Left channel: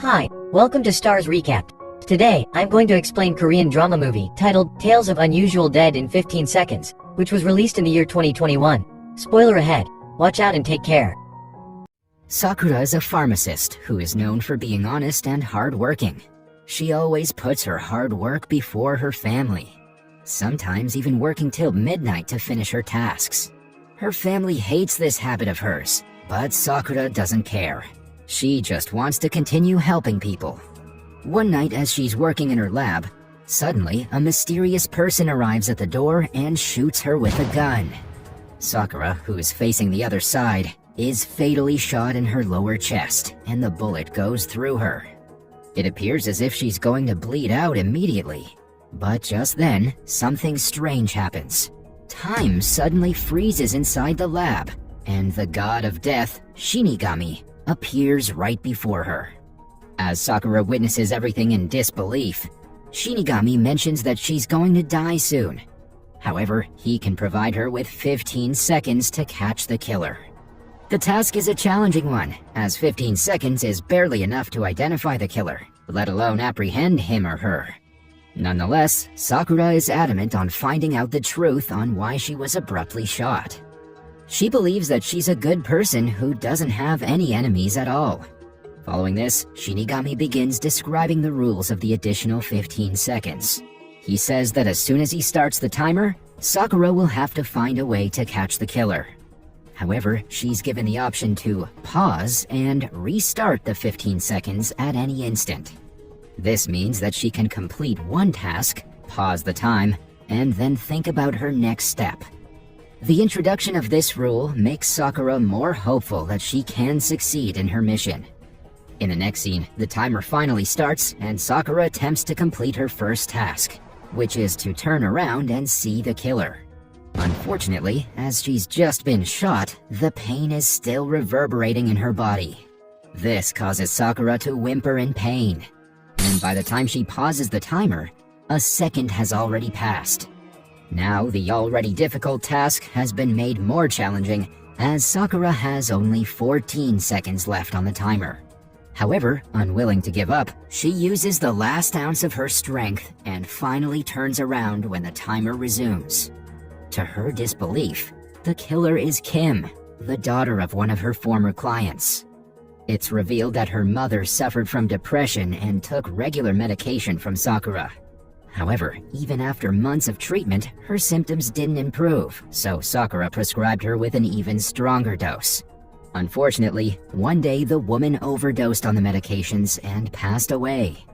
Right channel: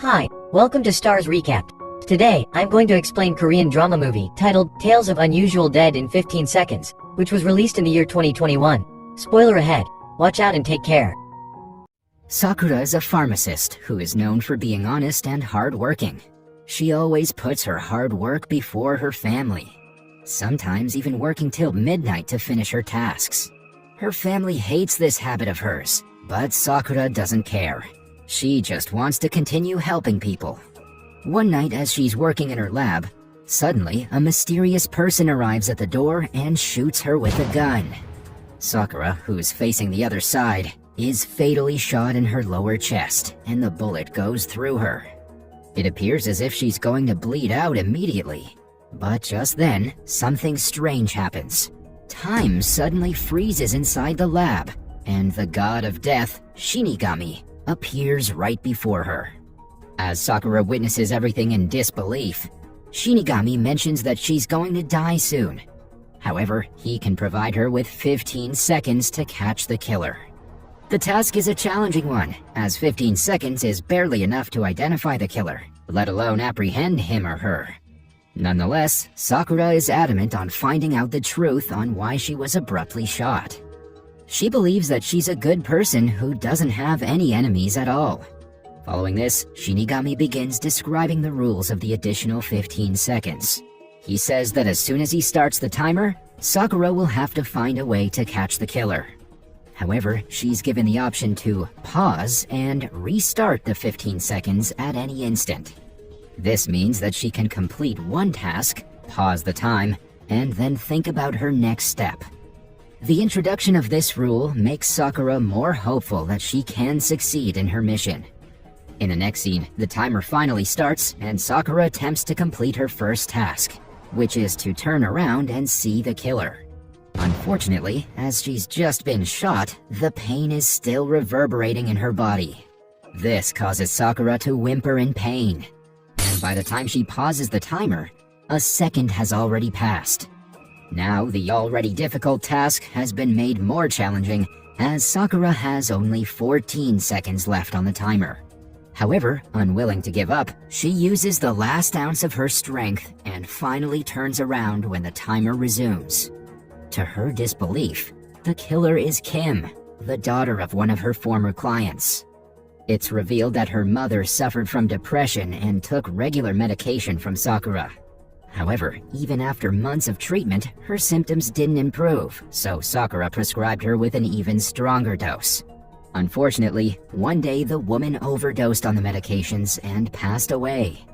Hi, welcome to Starz Recap. Today, I'm going to explain Korean drama movie titled Tales of Unusual Dead in 15 Seconds, which was released in the year 2021. Spoiler ahead. Watch out and take care. Sakura is a pharmacist who is known for being honest and hardworking. She always puts her hard work before her family, sometimes even working till midnight to finish her tasks. Her family hates this habit of hers, but Sakura doesn't care. She just wants to continue helping people. One night as she's working in her lab, suddenly a mysterious person arrives at the door and shoots her with a gun. Sakura, who is facing the other side, is fatally shot in her lower chest, and the bullet goes through her. It appears as if she's going to bleed out immediately. But just then, something strange happens. Time suddenly freezes inside the lab, and the god of death, Shinigami, appears right before her. As Sakura witnesses everything in disbelief, Shinigami mentions that she's going to die soon. However, he can provide her with 15 seconds to catch the killer. The task is a challenging one, as 15 seconds is barely enough to identify the killer, let alone apprehend him or her. Nonetheless, Sakura is adamant on finding out the truth on why she was abruptly shot. She believes that she's a good person who doesn't have any enemies at all. Following this, Shinigami begins describing the rules of the additional 15 seconds. He says that as soon as he starts the timer, Sakura will have to find a way to catch the killer. However, she's given the option to pause and restart the 15 seconds at any instant. This means that she can complete one task, pause the time, and then think about her next step. The introduction of this rule makes Sakura more hopeful that she can succeed in her mission. In the next scene, the timer finally starts and Sakura attempts to complete her first task, which is to turn around and see the killer. Unfortunately, as she's just been shot, the pain is still reverberating in her body. This causes Sakura to whimper in pain, and by the time she pauses the timer, a second has already passed. Now, the already difficult task has been made more challenging, as Sakura has only 14 seconds left on the timer. However, unwilling to give up, she uses the last ounce of her strength and finally turns around when the timer resumes. To her disbelief, the killer is Kim, the daughter of one of her former clients. It's revealed that her mother suffered from depression and took regular medication from Sakura. However, even after months of treatment, her symptoms didn't improve, so Sakura prescribed her with an even stronger dose. Unfortunately, one day the woman overdosed on the medications and passed away.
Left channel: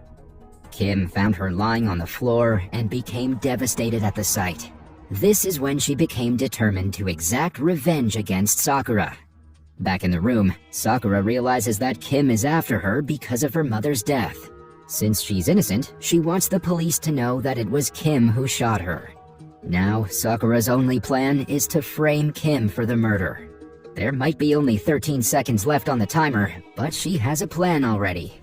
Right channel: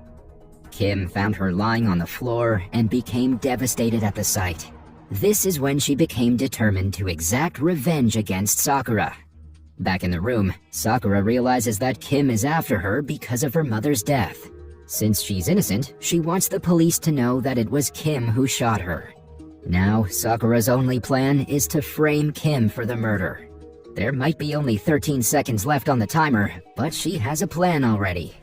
Kim found her lying on the floor and became devastated at the sight. This is when she became determined to exact revenge against Sakura. Back in the room, Sakura realizes that Kim is after her because of her mother's death. Since she's innocent, she wants the police to know that it was Kim who shot her. Now, Sakura's only plan is to frame Kim for the murder. There might be only 13 seconds left on the timer, but she has a plan already.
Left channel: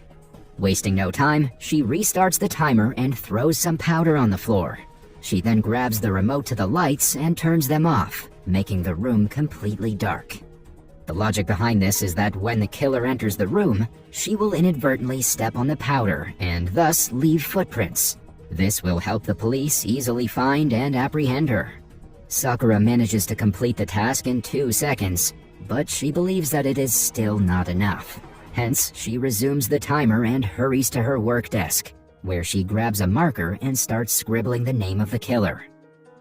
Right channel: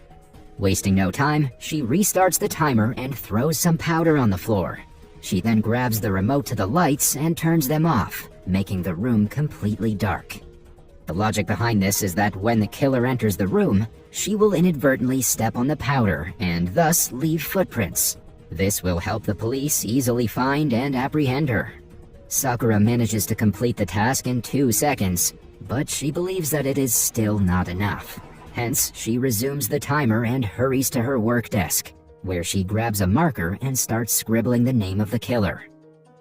Wasting no time, she restarts the timer and throws some powder on the floor. She then grabs the remote to the lights and turns them off, making the room completely dark. The logic behind this is that when the killer enters the room, she will inadvertently step on the powder and thus leave footprints. This will help the police easily find and apprehend her. Sakura manages to complete the task in 2 seconds, but she believes that it is still not enough. Hence, she resumes the timer and hurries to her work desk, where she grabs a marker and starts scribbling the name of the killer.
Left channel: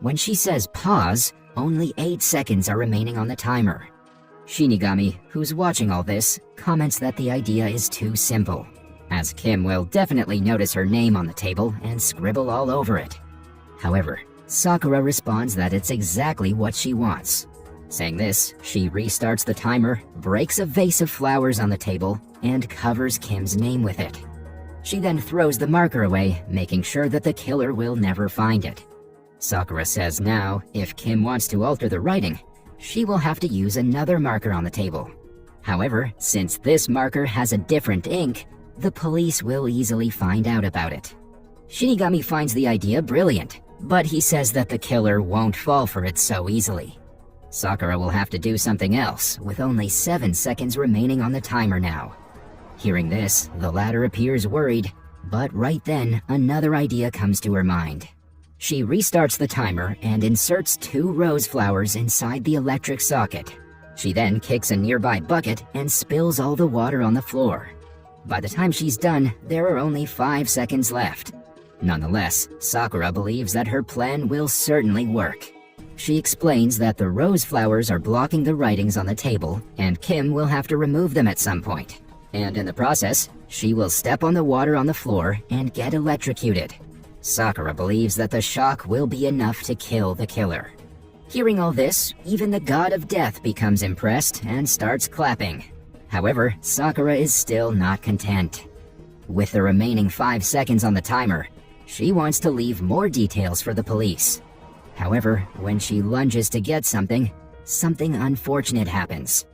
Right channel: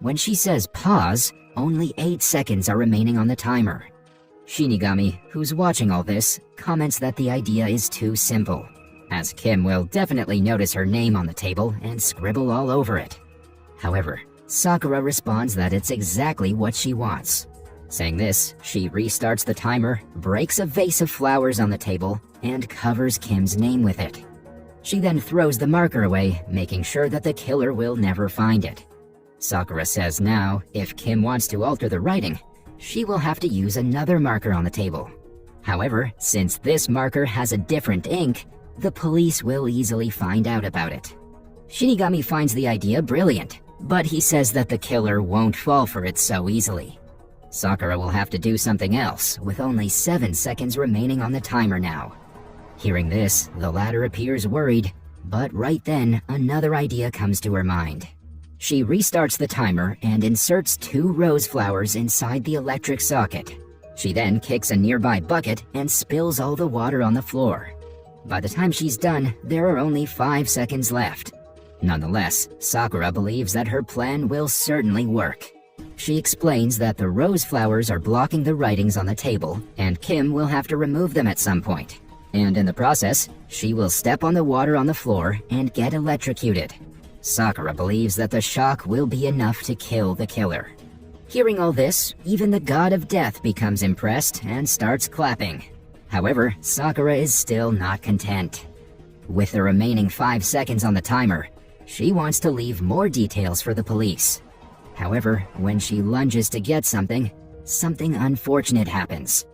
When she says pause, only 8 seconds are remaining on the timer. Shinigami, who's watching all this, comments that the idea is too simple, as Kim will definitely notice her name on the table and scribble all over it. However, Sakura responds that it's exactly what she wants. Saying this, she restarts the timer, breaks a vase of flowers on the table, and covers Kim's name with it. She then throws the marker away, making sure that the killer will never find it. Sakura says now, if Kim wants to alter the writing, she will have to use another marker on the table. However, since this marker has a different ink, the police will easily find out about it. Shinigami finds the idea brilliant, but he says that the killer won't fall for it so easily. Sakura will have to do something else, with only 7 seconds remaining on the timer now. Hearing this, the latter appears worried, but right then, another idea comes to her mind. She restarts the timer and inserts 2 rose flowers inside the electric socket. She then kicks a nearby bucket and spills all the water on the floor. By the time she's done, there are only 5 seconds left. Nonetheless, Sakura believes that her plan will certainly work. She explains that the rose flowers are blocking the writings on the table, and Kim will have to remove them at some point. And in the process, she will step on the water on the floor and get electrocuted. Sakura believes that the shock will be enough to kill the killer. Hearing all this, even the god of death becomes impressed and starts clapping. However, Sakura is still not content. With the remaining 5 seconds on the timer, she wants to leave more details for the police. However, when she lunges to get something unfortunate happens.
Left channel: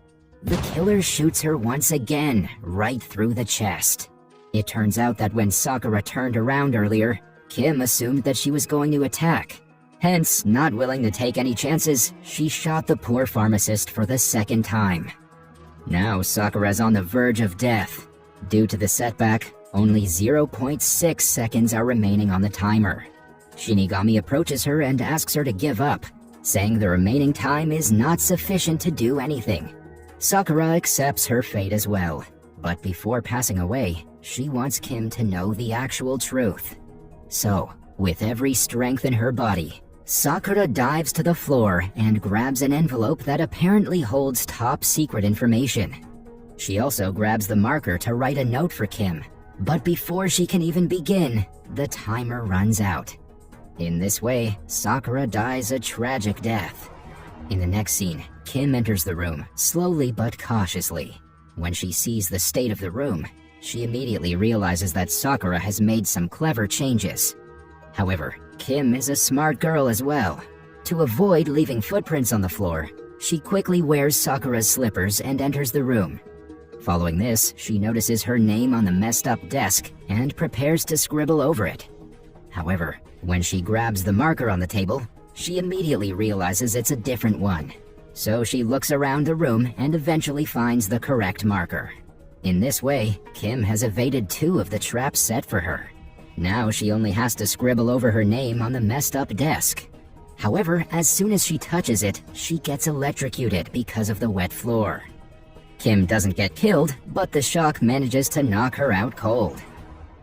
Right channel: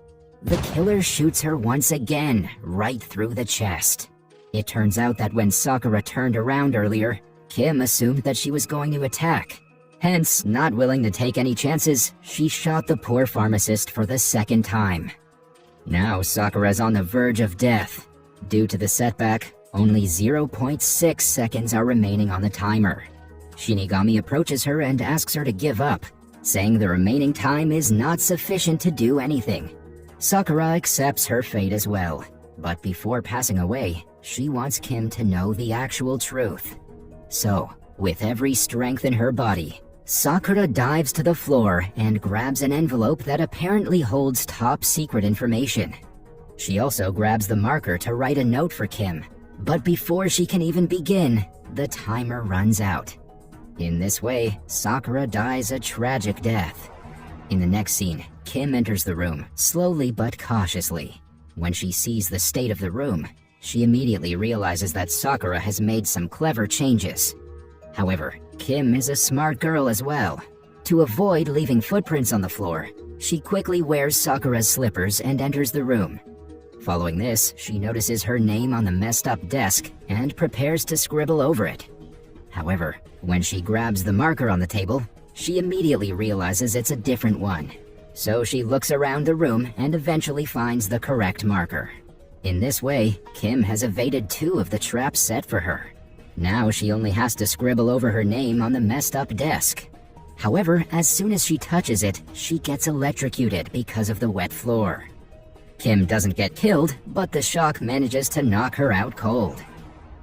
The killer shoots her once again, right through the chest. It turns out that when Sakura turned around earlier, Kim assumed that she was going to attack. Hence, not willing to take any chances, she shot the poor pharmacist for the 2nd time. Now Sakura's on the verge of death. Due to the setback, only 0.6 seconds are remaining on the timer. Shinigami approaches her and asks her to give up, saying the remaining time is not sufficient to do anything. Sakura accepts her fate as well, but before passing away, she wants Kim to know the actual truth. So, with every strength in her body, Sakura dives to the floor and grabs an envelope that apparently holds top secret information. She also grabs the marker to write a note for Kim, but before she can even begin, the timer runs out. In this way, Sakura dies a tragic death. In the next scene, Kim enters the room, slowly but cautiously. When she sees the state of the room, she immediately realizes that Sakura has made some clever changes. However, Kim is a smart girl as well. To avoid leaving footprints on the floor, she quickly wears Sakura's slippers and enters the room. Following this, she notices her name on the messed up desk and prepares to scribble over it. However, when she grabs the marker on the table, she immediately realizes it's a different one. So she looks around the room and eventually finds the correct marker. In this way, Kim has evaded 2 of the traps set for her. Now she only has to scribble over her name on the messed up desk. However, as soon as she touches it, she gets electrocuted because of the wet floor. Kim doesn't get killed, but the shock manages to knock her out cold.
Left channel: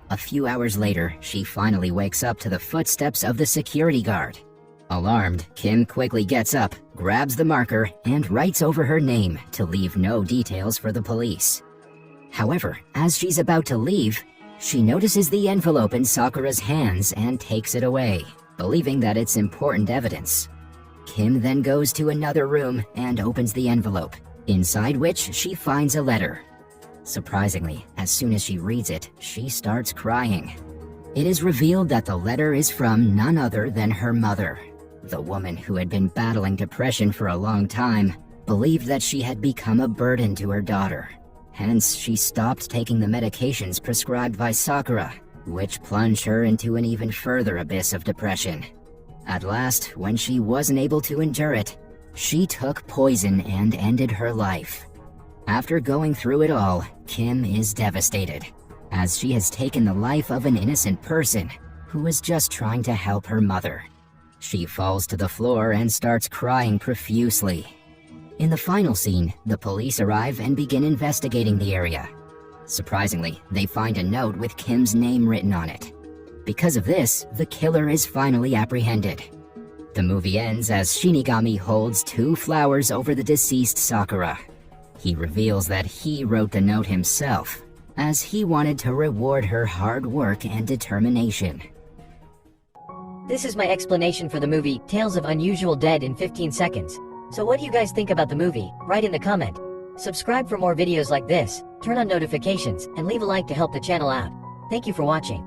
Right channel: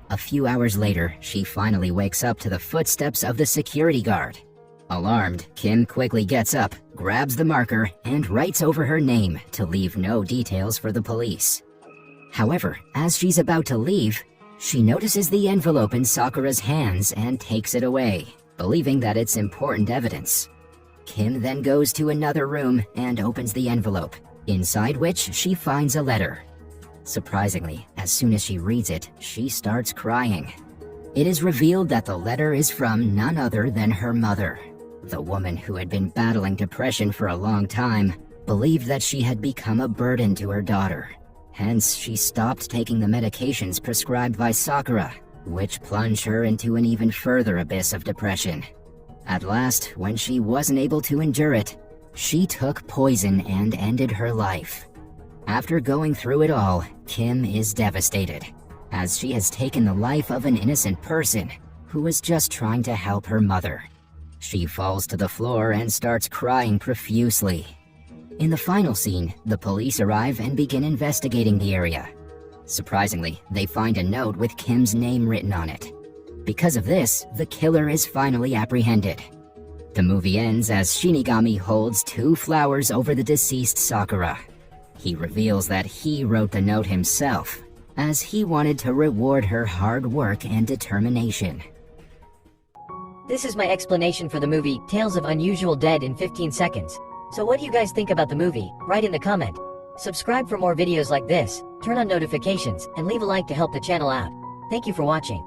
A few hours later, she finally wakes up to the footsteps of the security guard. Alarmed, Kim quickly gets up, grabs the marker, and writes over her name to leave no details for the police. However, as she's about to leave, she notices the envelope in Sakura's hands and takes it away, believing that it's important evidence. Kim then goes to another room and opens the envelope, inside which she finds a letter. Surprisingly, as soon as she reads it, she starts crying. It is revealed that the letter is from none other than her mother. The woman who had been battling depression for a long time believed that she had become a burden to her daughter. Hence, she stopped taking the medications prescribed by Sakura, which plunged her into an even further abyss of depression. At last, when she wasn't able to endure it, she took poison and ended her life. After going through it all, Kim is devastated, as she has taken the life of an innocent person who was just trying to help her mother. She falls to the floor and starts crying profusely. In the final scene, the police arrive and begin investigating the area. Surprisingly, they find a note with Kim's name written on it. Because of this, the killer is finally apprehended. The movie ends as Shinigami holds 2 flowers over the deceased Sakura. He reveals that he wrote the note himself, as he wanted to reward her hard work and determination. This is my explanation for the movie Tales of Unusual Dead in 15 seconds. So what do you guys think about the movie? Write in the comment. Subscribe for more videos like this, turn on notifications, and leave a like to help the channel out. Thank you for watching.